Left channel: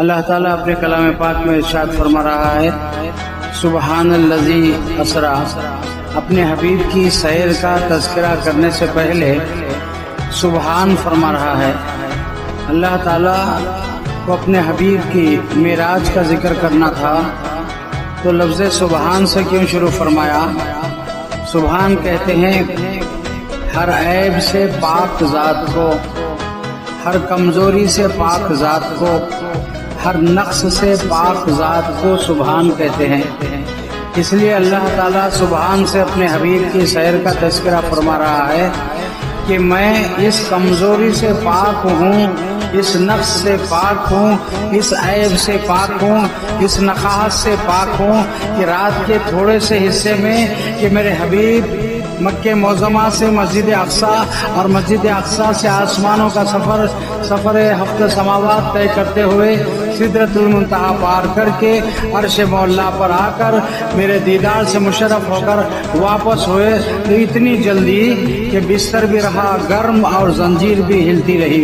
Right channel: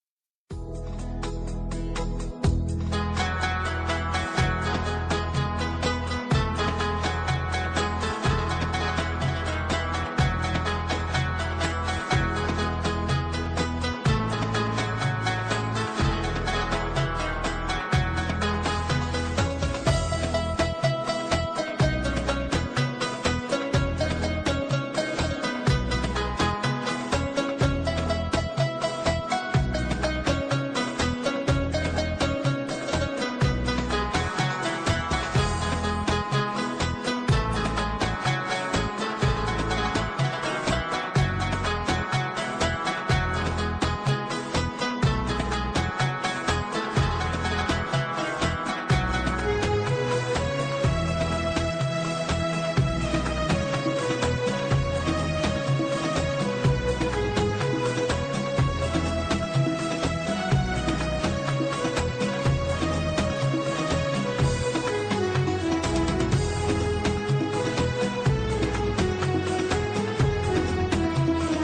اللہ تعالیٰ اپنے کلام پاک میں ارشاد فرما رہا ہے، سبحان الذی اسرا۔ اپنے حبیب کی سیر کا تذکرہ کرنے سے پہلے سبحان فرما رہا ہے۔ اللہ تعالیٰ کو اپنے حبیب کی معراج کا ذکر کرنا تھا تو لفظ سبحان سے کیوں شروع فرمایا؟ سبحان کہتے ہیں ہر عیب سے پاک ذات کو، ہر کمزوری سے پاک ذات کو، ہر نقص سے پاک ذات کو سبحان کہتے ہیں۔ اس لیے اللہ تعالیٰ سبحان سے اپنے حبیب کی سیر کا تذکرہ فرما رہا ہے کہ میں اس کمزوری سے پاک ہوں، اس نقص سے پاک ہوں، اس عیب سے پاک ہوں، اس نقاہت سے پاک ہوں کہ رات کے تھوڑے سے حصے میں کہ میرے حبیب مکہ معظمہ سے مسجد اقصیٰ اور مسجد اقصیٰ سے آسمانوں کا سفر ہفت سماوات طے کرتے ہوئے سدرۃ المنتہا پار کر کے عرش مولا پر آ کر میرے دیدار سے مشرف ہو کر واپس ہوئے تو اتنی جلدی کہ بستر بھی رہا گرم اور زنجیر بھی ہلتی رہی،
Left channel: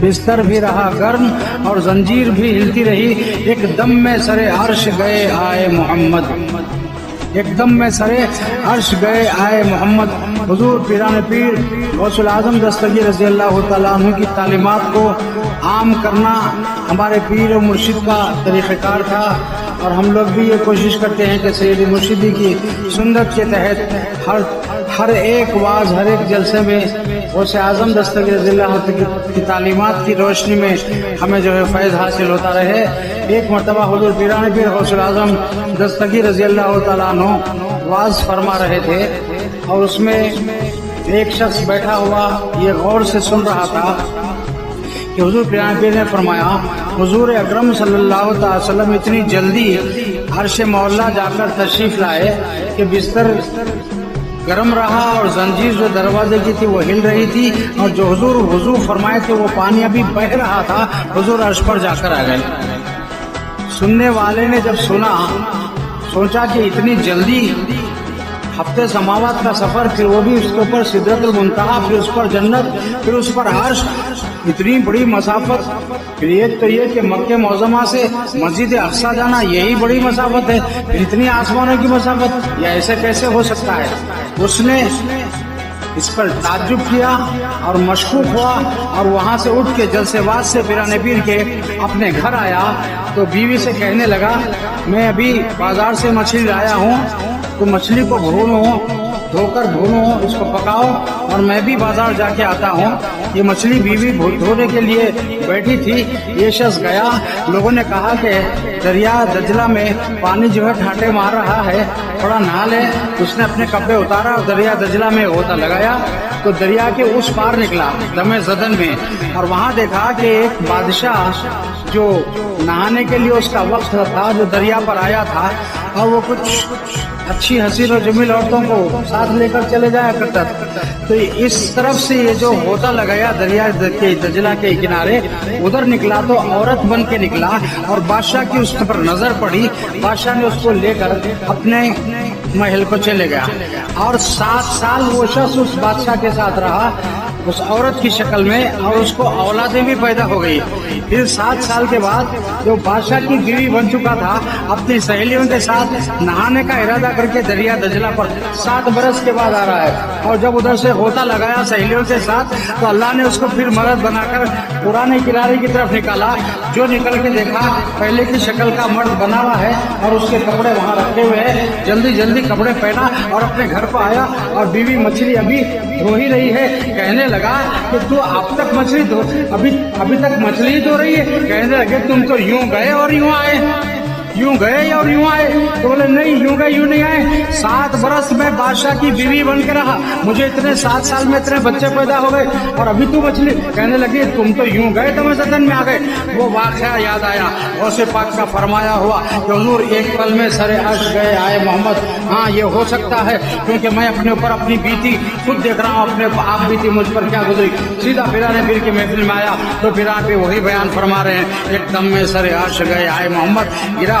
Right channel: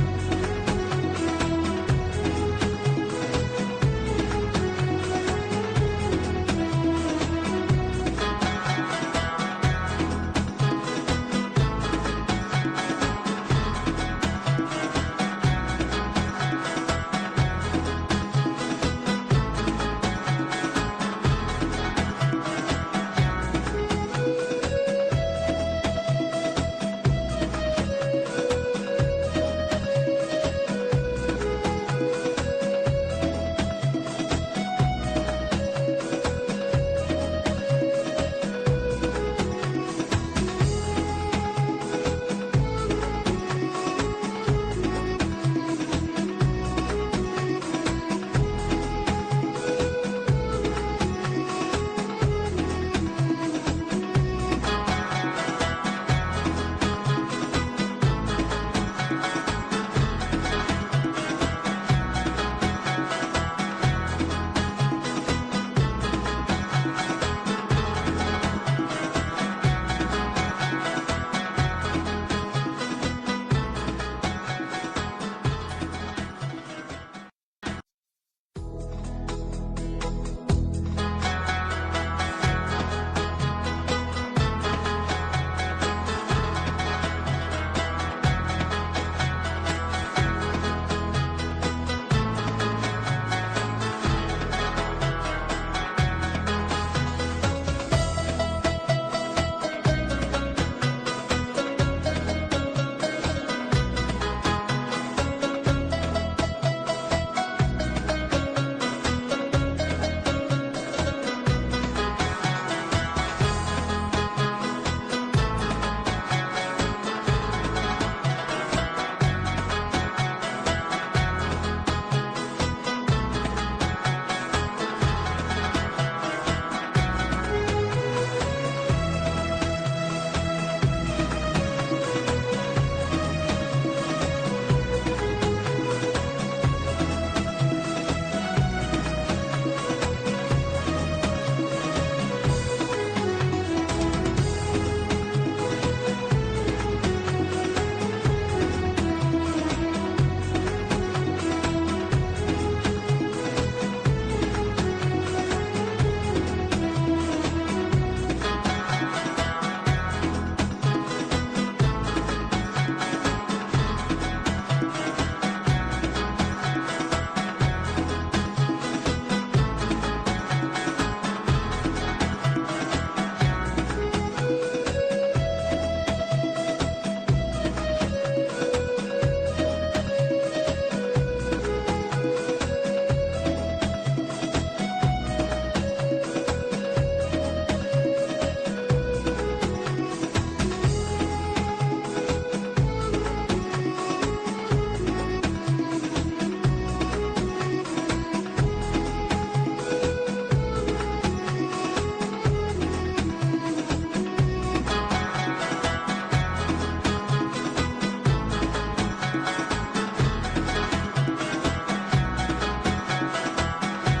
بستر بھی رہا گرم اور زنجیر بھی ہلتی رہی۔ ایک دم میں سرے عرش گئے آئے محمد، ایک دم میں سرے عرش گئے آئے محمد۔ حضور پیران پیر غوث العظم دستگیر رضی اللہ تعالیٰ عنہ کی تعلیمات کو عام کرنا ہمارے پیر و مرشد کا طریقہ کار تھا، اور ہم لوگ بھی یہ کوشش کرتے ہیں کہ سید مرشدی کی سنت کے تحت ہر ایک واعظ، ہر ایک جلسے میں غوث اعظم دستگیر رضی اللہ کی تعلیمات کی روشنی میں ہمیں جو ہے فیض حاصل ہوتا رہے۔ ایک مرتبہ حضور پیران پیر غوث العظم دستگیر رضی اللہ تعالیٰ عنہ واعظ فرما رہے تھے، اور اس میں ایک شخص بیٹھا ہوا یہ غور سے سن رہا تھا کہ حضور پیران پیر نے فرمایا، حضور اکرم صلی اللہ تعالی وسلم اتنی جلدی عرش مولا جا کر تشریف لائے کہ بستر گرم رہا اور زنجیر جو دروازے کی تھی وہ ہل رہی تھی، اور جو حضور وضو فرمائے تھے وہ پانی ابھی بہ رہا تھا، حضور عرش پر جا کر آ گئے۔ سننے والے نے جب سنا سوچا کہ اتنی جلدی ہفتے سماوات کا سفر، پھر وہ بھی اس کے اوپر سدرۃ المنتہا، پھر اس پر جنت، پھر اس پر عرش، اتنی بڑی مسافت۔ پھر ایک تو یہ کہ مکہ معظمہ سے مسجد اقصیٰ جانا یہی بڑی مسافت ہے، پھر اتنی آسمانوں کی مسافت، یہ ایسے کیسے ہو سکتا ہے؟ اس نے اس پر تعجب کیا اور مشکوک ہوا، اور وہاں سے اٹھ کے جلسے باز سے پیران پیر کے اپنے گھر آیا تو بیوی سے کہنے لگا، میں ابھی بازار سے مچھلی لایا ہوں، تو مچھلی کو دھو کر بھونو، اس کو پکاؤ، اور میں بھی بازار جا کے آتا ہوں۔ یہ مچھلی بیوی دھونے کے لیے بیٹھی تھی، یہ شخص گیا، لوگوں نے کہا کہ دریا دجلہ میں پانی جو ہے ٹھاٹے مار رہا ہے، تھوڑا نہا لے۔ اس نے اپنے کپڑے اتارا اور دریا دجلہ میں غوطہ لگایا تو دریا کے اس پار نکلا دم زدن میں، اور وہاں دیکھا کہ ایک بادشاہ جو نہانے کے لیے اس کا وقت تھا، جو دریا پر آیا تھا، اور وہ کچھ اچھی حسین و جمیل عورتوں کو ساتھ لے کر چلے جایا کرتا تھا۔ تو اس طرف سے یہ جو غوطہ لگایا دریا دجلہ کے کنارے، ادھر نکلا تو عورت بن کے نکلا، اور بادشاہ کی اس پر نظر پڑی، بادشاہ نے اس کو لے کر اپنے محل کو چلے گیا، اور 7 سال وہ شخص اس بادشاہ کے ساتھ رہا اس عورت کی شکل میں، اور اس کو اولادیں بھی پیدا ہو گئی۔ پھر 7 سال کے بعد جو بادشاہ کی بیوی بن چکا تھا، اپنی سہیلیوں کے ساتھ نہانے کا ارادہ کر کے دریا دجلہ پر 7 برس کے بعد آ رہا ہے، اور جب ادھر سے غوطہ لگایا سہیلیوں کے ساتھ تو اللہ نے اس کو پھر مرد بنا کر پرانے کنارے کی طرف نکالا۔ جو نکل کے دیکھا پہلے کی شکل کا مرد بنا ہوا ہے، اور اس کے کپڑے وہاں رکھے ہوئے ہیں، جلدی جلدی کپڑے پہنا اور اپنے گھر کو آیا، اور بیوی مچھلی ابھی دھو ہی رہی ہے۔ کہنے لگا کہ تو اب تک مچھلی دھو، ابھی تک مچھلی دھو رہی ہے؟ کہنے لگے تم تو یوں گئے اور یوں آئے، یوں گئے اور یوں آئے۔ تو بولے نہیں، یوں گئے یوں نہیں آئے، 7 برس میں بادشاہ کی بیوی بن کے رہا، مجھے اتنے 7 سال میں اتنے بچے پیدا ہو گئے، اور ابھی تو مچھلی۔ کہنے لگی تم تو یوں گئے تو میں زدن میں آ گئے۔ وہ واقعہ یاد آیا غوث پاک کا فرمایا ہوا کہ حضور ایک پل میں سر عرش گئے آئے محمد۔ ہاں یہ ہو سکتا ہے، کیونکہ میں اپنے اوپر اپنی بیتی خود دیکھ رہا ہوں، اپنے آپ بیتی مجھ پر کیا گزری۔ سیدھا پیران پیر کی محفل میں آیا تو پیران پیر وہی بیان فرما رہے ہیں، ایک دم میں سر عرش گئے آئے محمد، گرا